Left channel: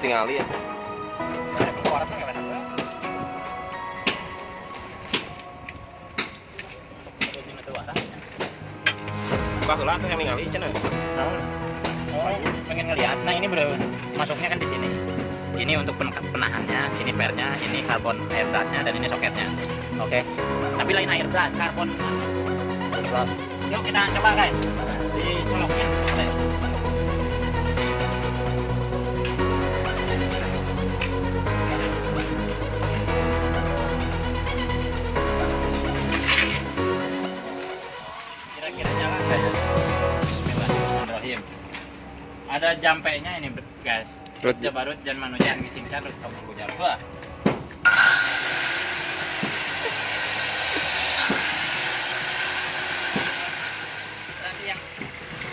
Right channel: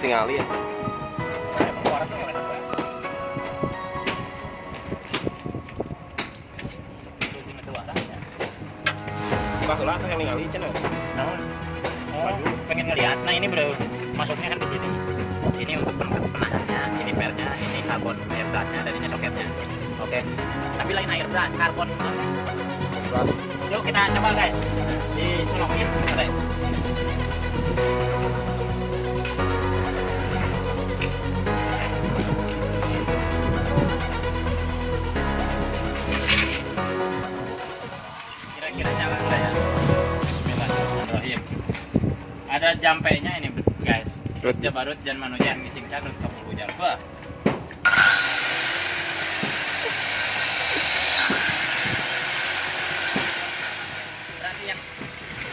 tingali ya. Buka heula tuh yang ningali cenah. Oh, pengen ngelihat. Nah, ini bro, masuknya kan di sini. Ini untuk penahannya, ini pernya, ini karbon air gasnya, dan ini soketnya. Oke. Tapi lain air gas, karbon. Gas. Yuk kita coba guys. Di coloknya. Kira-kira nyala nggak ya? Bismillahirrahmanirrahim. Ada jampenya ini guys. Jabarut jan manusian ngisingkan terus kabur hujan. Wah. Berarti yang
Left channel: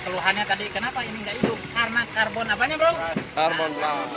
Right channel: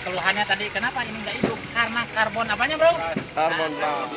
keluhannya tadi kenapa ini nggak hidup? Karena karbon apanya bro? Karbon black.